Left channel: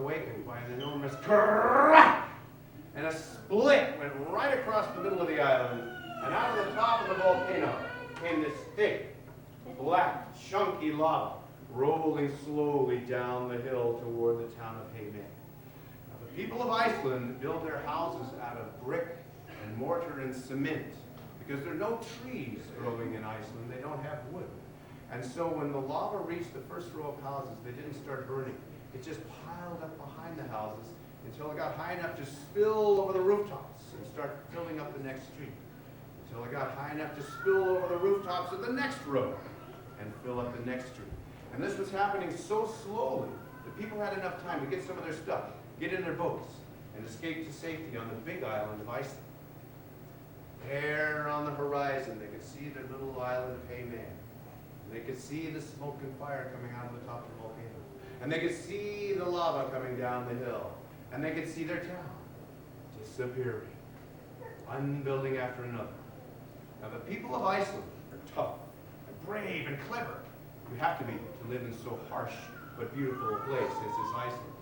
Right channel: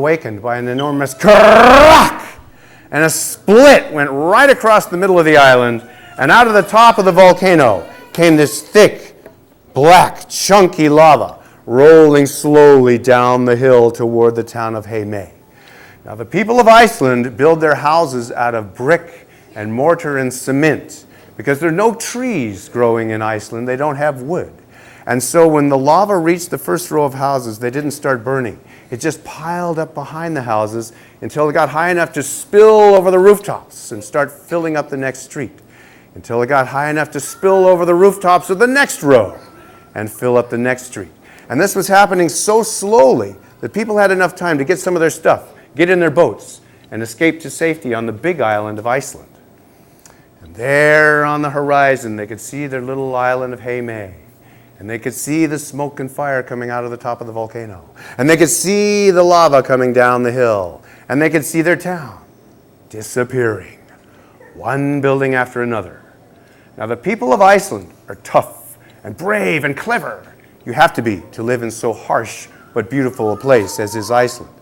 awakened by an enormous crack, and a split went right across the middle of the island, and out of the top of the volcano came this thick, black, chunky lava rolling slowly down the hill toward the town of Heime. Now, the people of Iceland build their houses out of brick and mortar and cement because there are no trees growing in Iceland. They don't have wood. And so when the lava reached the first row of houses, they didn't start burning. It just piled up behind the houses until it got high enough to spill over the rooftops and start filling up the next street, until it got high enough to spill over the rooftops of the next row and fill up the next street. And this was happening so slowly that people had enough time to get some of their stuff, get in their boats, and escape to safety on the big island of Iceland. And there on the horizon, they could see their little island of Heime. And they could see the smoke and fire coming out of the top of the volcano. And they could see the lava coming down the hill. And they could see their town disappearing, one building after another. Now, the people of Iceland are tough and brave and clever. You have to be to live in so harsh but beautiful a place as is Iceland.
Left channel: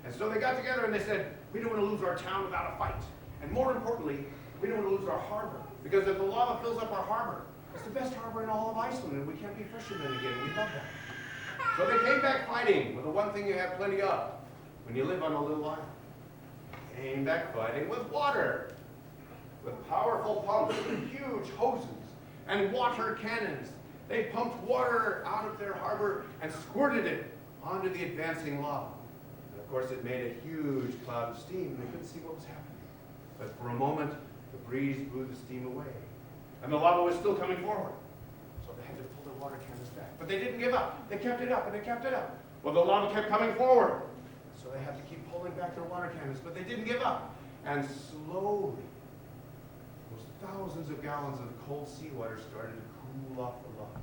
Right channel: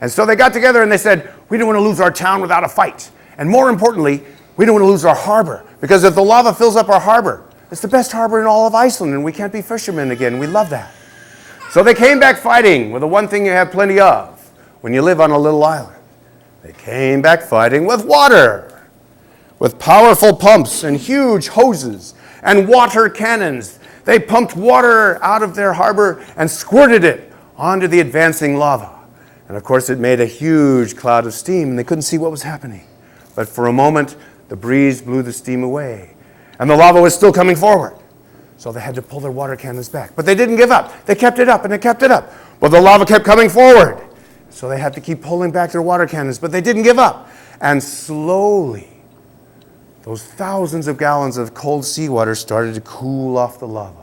And so they got together and they said, we don't want to lose our town without a fight. And more importantly, we don't want to lose our harbor, because if the lava fills up our harbor, it's the best harbor in all of Iceland, and we can't be fishermen again. We love that. So they came back fighting with the one thing you have plenty of when you live on a little island. They came back fighting with water, with powerful pumps and huge hoses and water cannons. They pumped water out of their harbor and squirted it onto the advancing lava. And of course, it made a huge cloud of steam, and they couldn't see what was happening. But for a moment, the breeze blew the steam away. And the lava was still coming forward. So they had to pull their water cannons back. But they didn't give up. They kept it up and they kept it up. But the lava kept coming forward. So they had to keep pulling back their water cannons. But they didn't give up. And slowly, those thousands of gallons of cold seawater started to cool off the lava.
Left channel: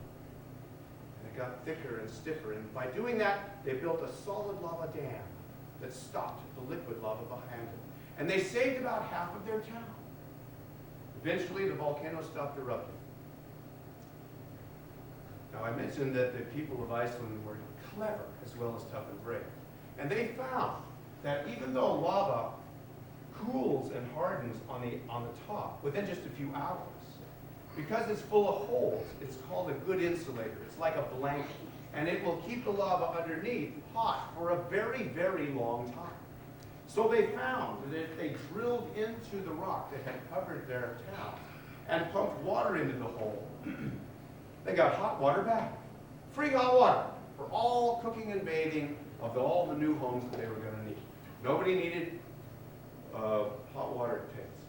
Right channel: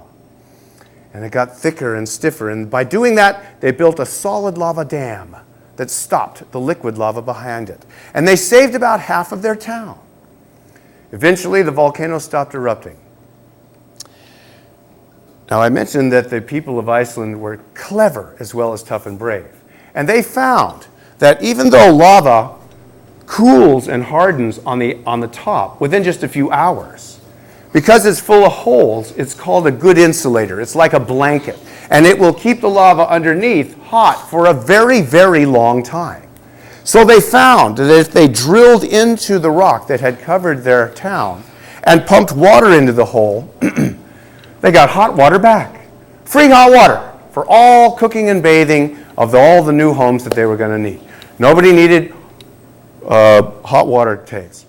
And it got thicker and stiffer. And by doing that, they built a solid lava dam that stopped the liquid lava behind it. And they saved about half of their town. Eventually, the volcano stopped erupting. Now, I mentioned that the people of Iceland were clever as well as tough and brave. And they found that even though lava cools and hardens on the top within just a few hours, because it's full of holes, it's called a good insulator. It's like a blanket. And it will keep the lava underneath hot for a very, very long time. So they found that if they drilled into the rock that had covered their town and pumped water into the hole, they got hot water back. Free hot water for all cooking and bathing of all the new homes that they were going to need. Nobody needed hot water tanks.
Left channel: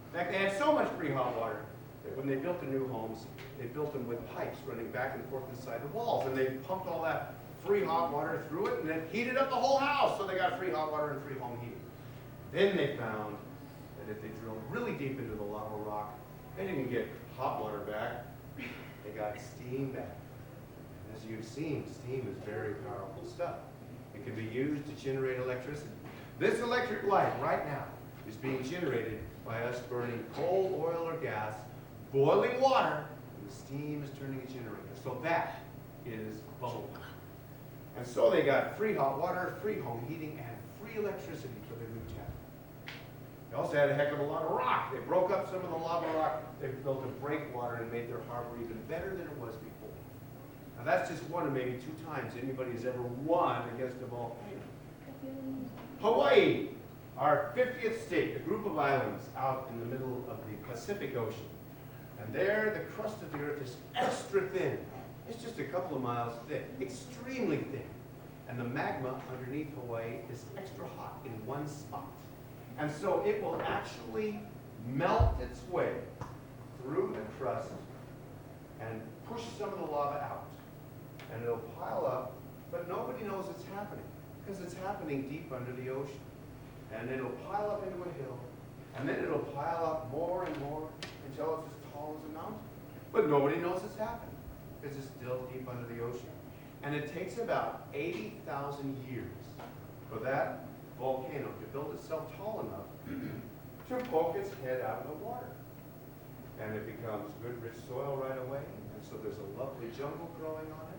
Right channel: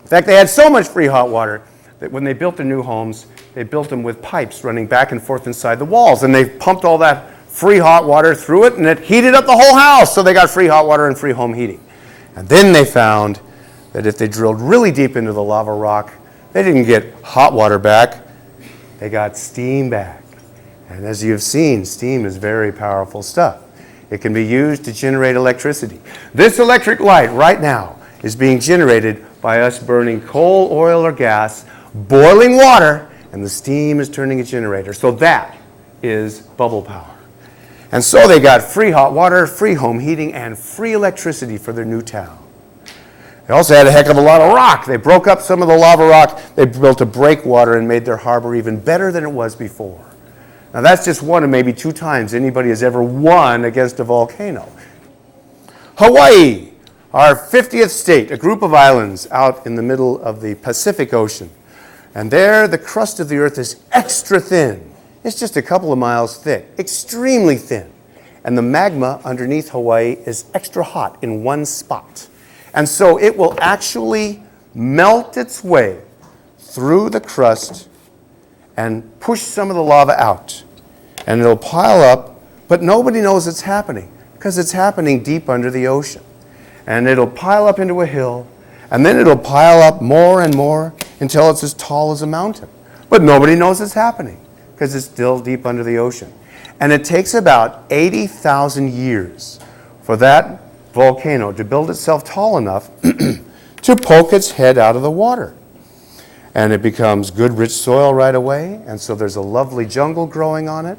In fact, they had so much free hot water that when they built their new homes, they built them with pipes running back and forth inside the walls. And they pumped all that free hot water through it, and it heated up the whole house. So they got free hot water and free home heating. And then they found that if they drilled really deep into the lava rock, they didn't get hot water back. They got steam back. And as you've seen, steam is very powerful stuff. It can be used to generate electricity. This electric light right now is being generated by us burning coal, oil, or gas, boiling water, and the steam is turning a generator. So that is bubble power. And so they got free hot water, free home heating, and free electricity for their new town. They also had a heck of a lot of rock. They broke up some of the lava rock. They built a breakwater and made their harbor even better than it was before. Now that's just one of maybe 2 times anybody has ever won against a volcano. Hawaii, our 50th state, a group of islands out in the middle of the Pacific Ocean. And there the crust of the earth is extra thin. It's just a couple of miles thick, extremely thin. And the magma underneath Hawaii is extra hot in one spot. And so it will actually melt its way through the crust and push some of the lava out. And it'll pile up, but nobody knows it's happening because it's happening deep under the ocean. And it'll pile up into a hill, and then it'll pile up more and more until it's as tall as a mountain. But nobody knows it's happening because it's still deep under the ocean. And it takes about 80,000 years for that volcano to build itself tall enough to poke its head out of the water. And it becomes good, rich soil right away, and so there's a lovely jungle growing on it.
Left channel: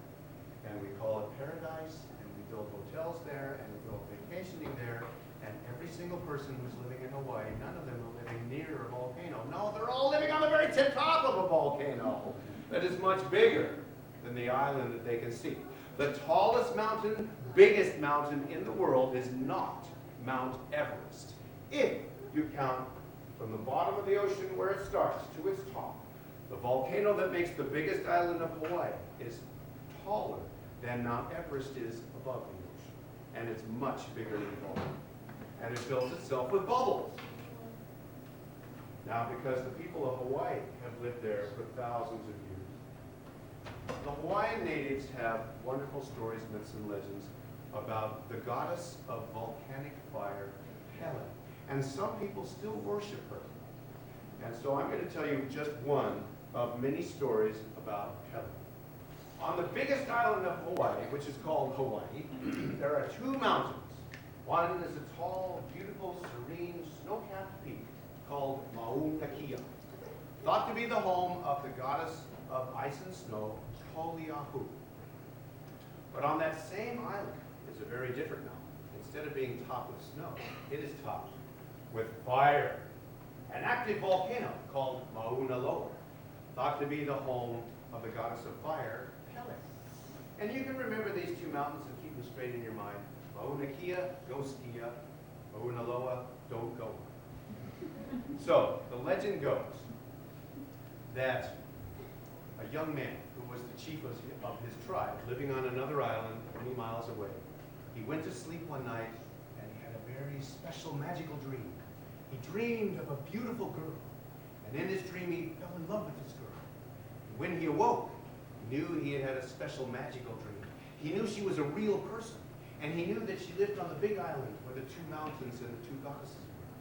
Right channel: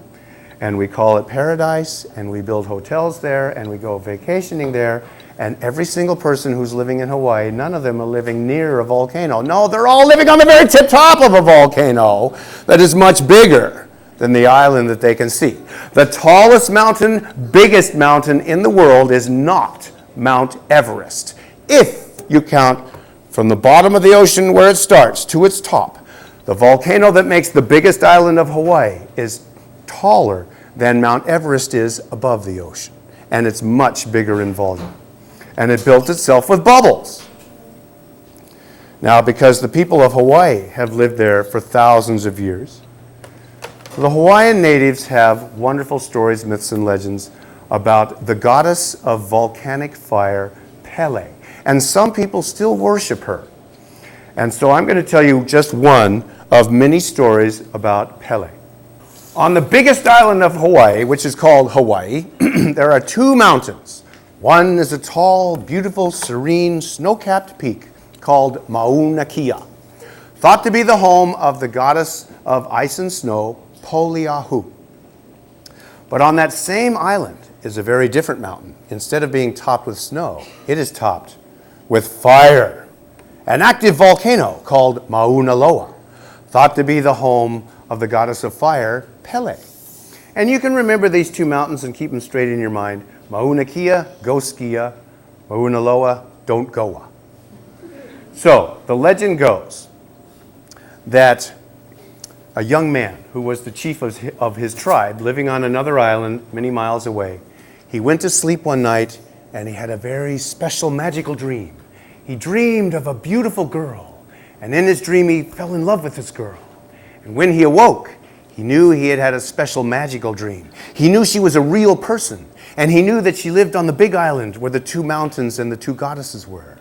and we call it paradise, and we build hotels there, and we go vacationing there, and every single person who's living in Hawaii, none of them are living near a volcano. No, they're all living on the very tip top of a volcano that is much bigger than the island that they can see. The tallest mountain, biggest mountain in the world is not Mount Everest. If you count from the bottom of the ocean where it starts to its top, the volcano that makes the biggest island of Hawaii is taller than Mount Everest is above the ocean, and it's much bigger in volume. And it built itself with bubbles. Now, because the people of Hawaii have lived there for thousands of years, the Hawaiian natives have wonderful stories, myths, and legends about the goddess of volcanic fire, Pele. And some people still worship her. And so I'm going to tell you just one of many stories about Pele. On the biggest island of Hawaii, which is called Hawaii, there are two mountains. One is a tall, beautiful, serene, snow-capped peak called Mauna Kea, thought to be the home of the goddess of ice and snow, Poliahu. But on that same island is a very different mountain. Instead of being topped with snow, it is topped with fire. An active volcano called Mauna Loa, thought to be the home of the goddess of fire, Pele. And you can remember these two mountains and keep them straight in your mind. Mauna Kea, go skia. Mauna Loa, don't goa. So, the legend goes that a young man who was the chief of his tribe, living on another island many miles away, he went to sleep one night and he had a very special magical dream. He dreamed of a beautiful girl, and in his dream he fell in love with this girl. And when he awoke, he knew he had had a special magical dream. He knew she was a real person, and he knew that she lived on the big island where the two mountains and the two goddesses were.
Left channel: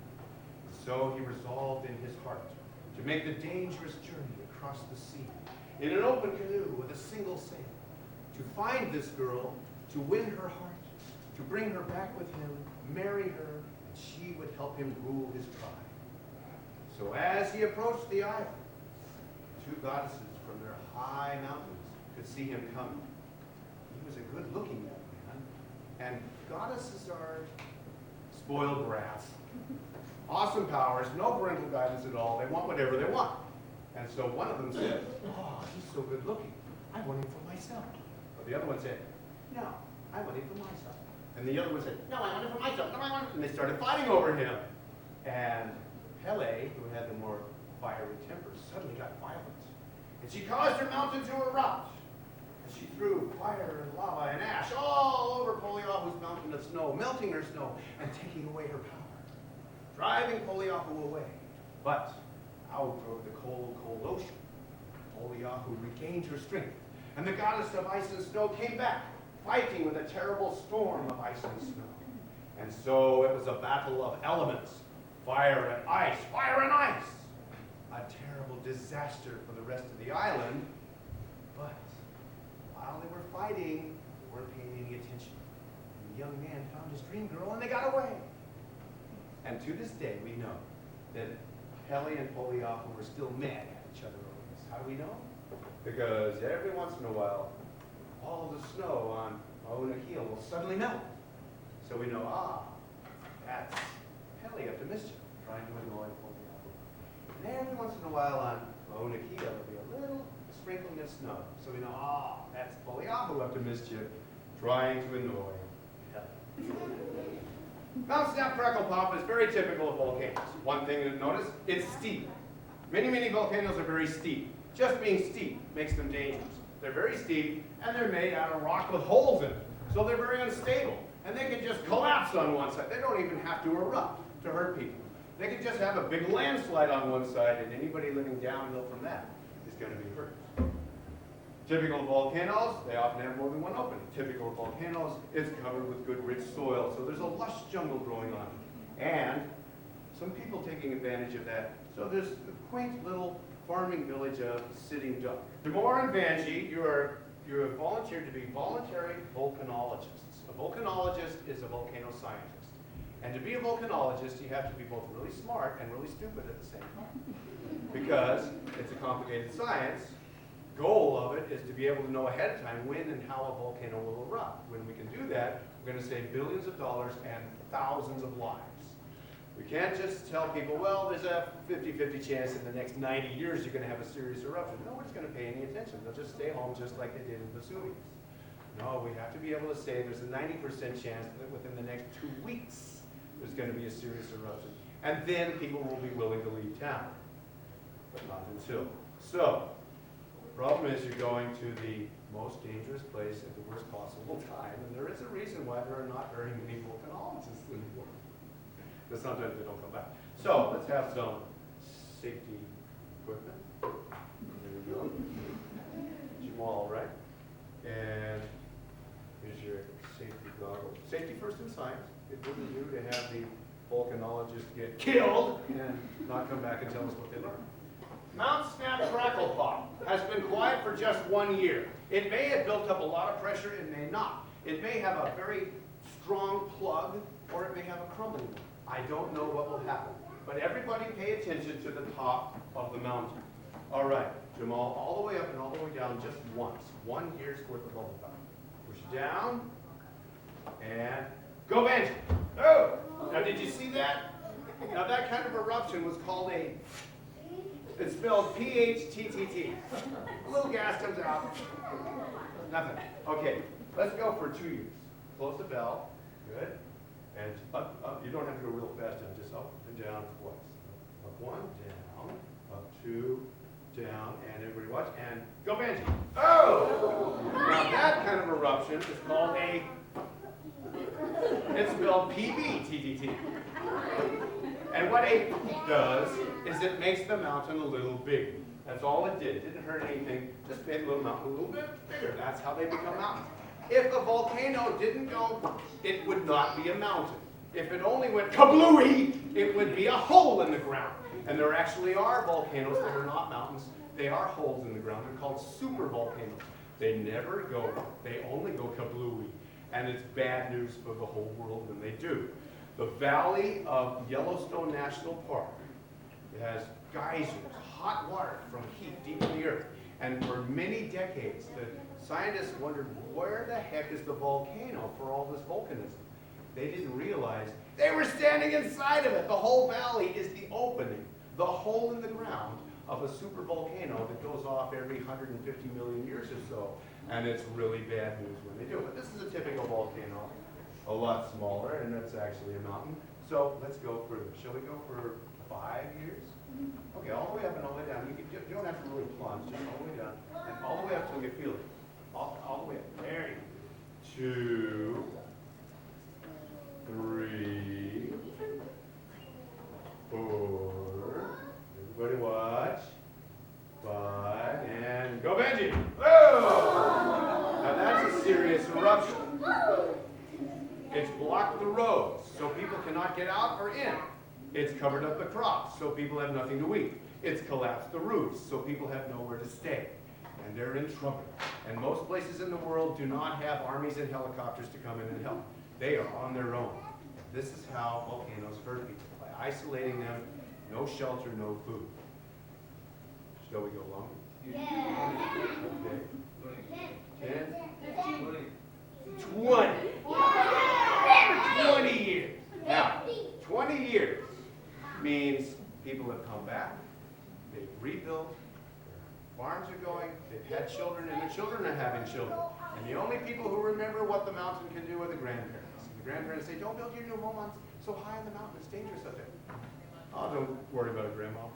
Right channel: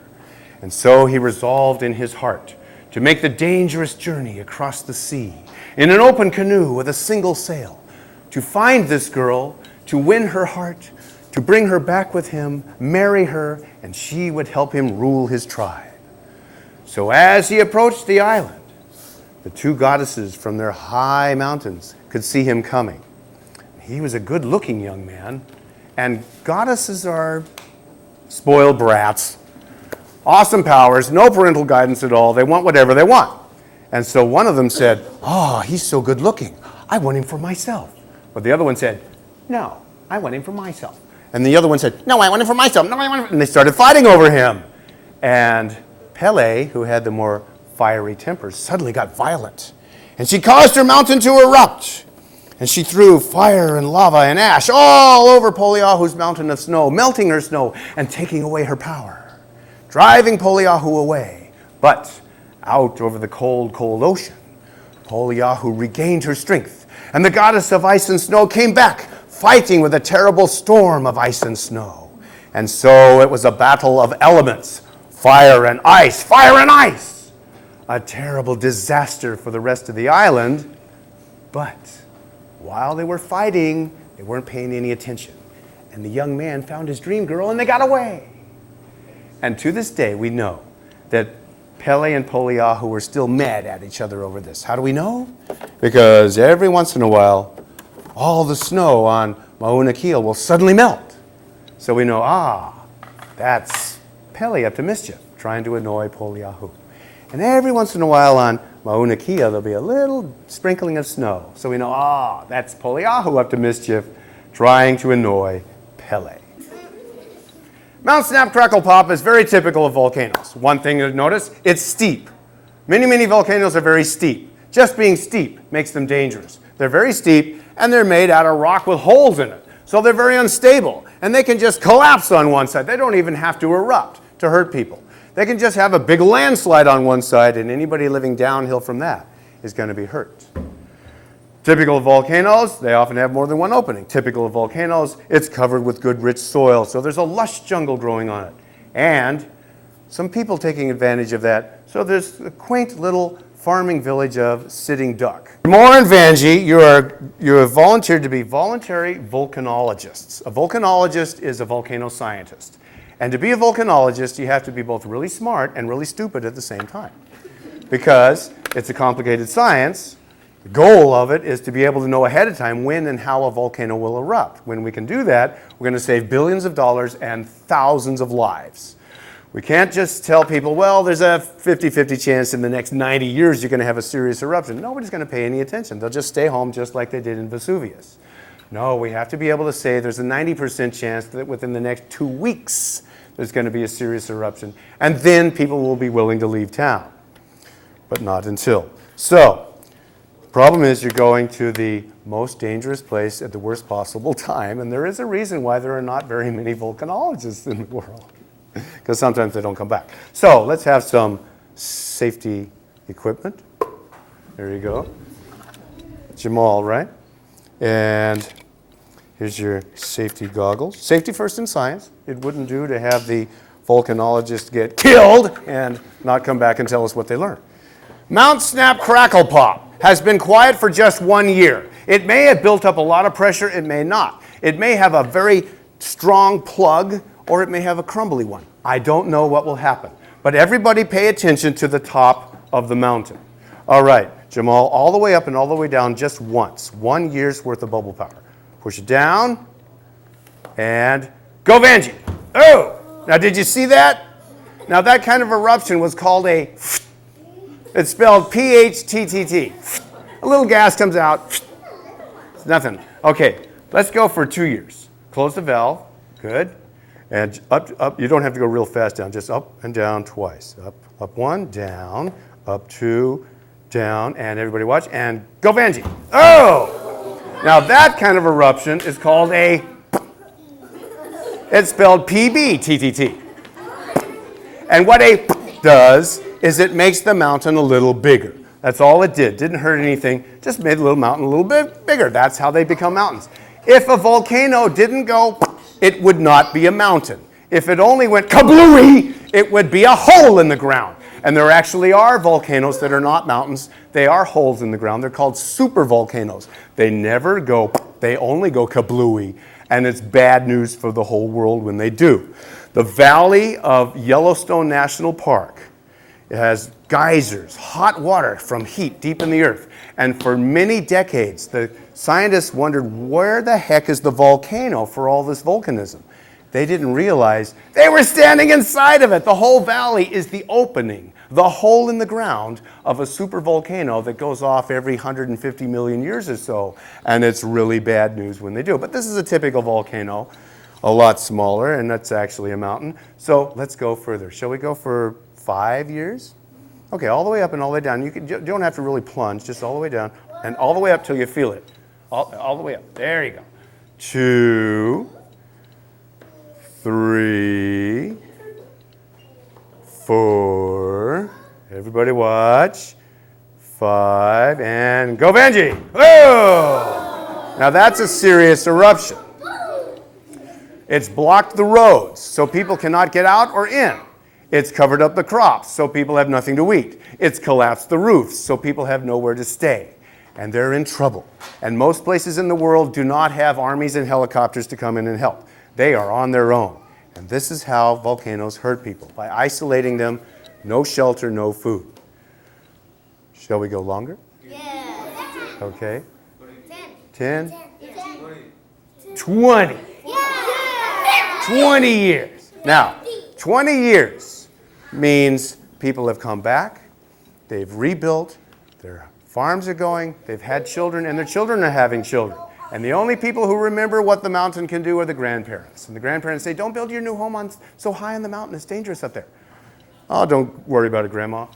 And so he resolved in his heart to make the dangerous journey across the sea in an open canoe with a single sail, to find this girl, to win her heart, to bring her back with him, marry her, and she would help him rule his tribe. So as he approached the island, the two goddesses from their high mountains could see him coming. He was a good-looking young man, and goddesses are spoiled brats. Awesome powers, no parental guidance at all. They want whatever they want. And so one of them said, "Oh, he's so good-looking. I want him for myself." But the other one said, "No, I want him for myself." And the other one said, "No, I want him for myself. No, I want him for..." And they started fighting over him. And Pele, who had the more fiery temper, suddenly got violent. And she caused her mountain to erupt. And she threw fire and lava and ash all over Poliahu's mountain of snow, melting her snow and taking away her power, driving Poliahu away. But out over the cold, cold ocean, Poliahu regained her strength, and the goddess of ice and snow came back, fighting with a terrible storm of ice and snow. And so it was a battle of elements, fire and ice, fire and ice. A terrible disaster for the rest of the island. But while they were fighting, they weren't paying any attention. And the young man found his dream girl, and they got away. And to this day, we know that Pele and Poliahu were still mad at each other over this. How do we know? Because every once in a while, all the snow on Mauna Kea will suddenly melt. So we know, that's Pele up to mischief, trying to annoy Poliahu. And every once in a while on Mauna Kea, there'll be a little sprinkling of snow. So we know, that's Poliahu up to mischief, trying to annoy Pele. Mount Snap Crackle Pop is very typical of volcanoes. One thing to notice, it's steep. Many, many volcanoes are very steep. Just being steep makes them dangerous. They're very steep, and they're made out of rock with holes in it. So they're very unstable, and they can just collapse on one side. They don't even have to erupt to hurt people. They can just have a big landslide on one side, and anybody living downhill from that is going to be hurt. Typical of volcanoes, they often have more than one opening. Typical of volcanoes, it's covered with good rich soil, so there's a lush jungle growing on it. And some people taking advantage of that, so there's a quaint little farming village of Sitting Duck. More in Vanji, you are volunteered to be voluntary volcanologists. A volcanologist is a volcano scientist. And to be a volcanologist, you have to be both really smart and really stupid at the same time. Because it's a complicated science, The goal of it is to be able to know ahead of time when and how a volcano will erupt. When we can do that, we're going to save billions of dollars and thousands of lives. We can't just tell people, well, there's a 50-50 chance in the next 90 years you're going to have a serious eruption. Nobody's going to pay any attention. They'll just stay home just like they did in Vesuvius. No, we have to be able to say there's a 90% chance that within the next 2 weeks there's going to be a serious eruption. And then people will be willing to leave town. But not until. So, the problem is you're going to the most dangerous place at the worst possible time, and there is a reason why there are not very many volcanologists in the world, because sometimes they don't come back. So let's have some safety equipment. There you go. Jamal, right? And here's your safety goggles. Safety first in science. It wouldn't do to have the volcanologist get killed and not come back and tell us what they learned. Mount Snap Crackle Pop has been quiet for just 1 year. It may have built up a lot of pressure, it may not. It may have a very strong plug, or it may have a crumbly one. I don't know what will happen. But everybody pay attention to the top of the mountain. All right, Jamal, all the way up and all the way down just once. 1 year's worth of bubble power. Push it down, and go Vanjie. Oh, now did you see that? Now that kind of eruption was called a it's spelled P-H-T-T-T. A little gas comes out. It's nothing. Okay, let's go for 2 years. Close the valve. Good. And up. You don't have to go real fast down. Just up and down twice. Up one, down, up two, down. And everybody watch. And go Vanjie. Oh! Now that kind of eruption is called a... It's spelled P-B-T-T-T. And what a does is it makes the mountain a little bigger. That's all it did. Didn't hurt anything. Just made the little mountain a little bit bigger. That's how they become mountains. If a volcano didn't go, it would not be a mountain. If it only went kablooey, it would be a hole in the ground. And there actually are volcanoes that are not mountains. They are holes in the ground. They're called supervolcanoes. They never go, they only go kablooey. And it's bad news for the whole world when they do. The Valley of Yellowstone National Park, it has geysers, hot water from heat deep in the earth. And for many decades, the scientists wondered, where the heck is the volcano for all this volcanism? They didn't realize they were standing inside of it. The whole valley is the opening, the hole in the ground of a supervolcano that goes off every 150 million years or so. And it's really bad news when they do. But this is a typical volcano, a lot smaller, and that's actually a mountain. So let's go further. Shall we go for 5 years? Okay, all the way up and all the way down. You don't have to really plunge, just all the way down, and all the way up till you feel it. All the way up. There you go. 2, 3, 4. Everybody watch. 5, and go Vanjie. Whoa! Now that's a serious eruption. It's blocked the roads, so people cannot get out or in. It's covered up the crops, so people have nothing to eat. It's collapsed the roofs, so people have nowhere to stay. And they're in trouble. And most places in the world do not have armies and helicopters to come in and help. They are on their own. And this is how volcanoes hurt people, by isolating them, no shelter, no food. Shall we go longer? Yeah. Okay. 10? 20. 20 years. Now, 20 years means people have come back, they've rebuilt, their farms are going, they've had children, and their children are having children. And the only people who remember what the mountain can do are the grandparents. And the grandparents say, don't build your new home on so high on the mountain, it's dangerous up there. Oh, don't worry about it, Grandma.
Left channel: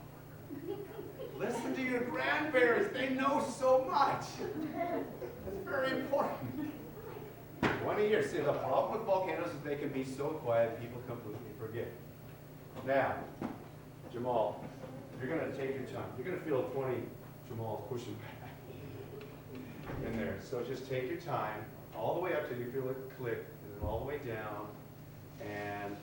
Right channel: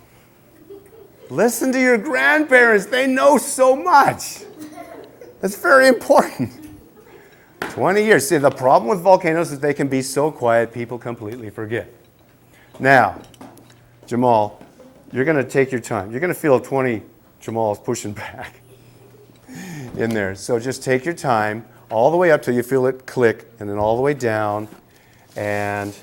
Listen to your grandparents, they know so much. That's very important. 20 years. See, the problem with volcanoes is they can be so quiet, people completely forget. Now, Jamal, you're going to take your time. You're going to feel 20 Jamals pushing back in there. So just take your time all the way up till you feel it click, and then all the way down. And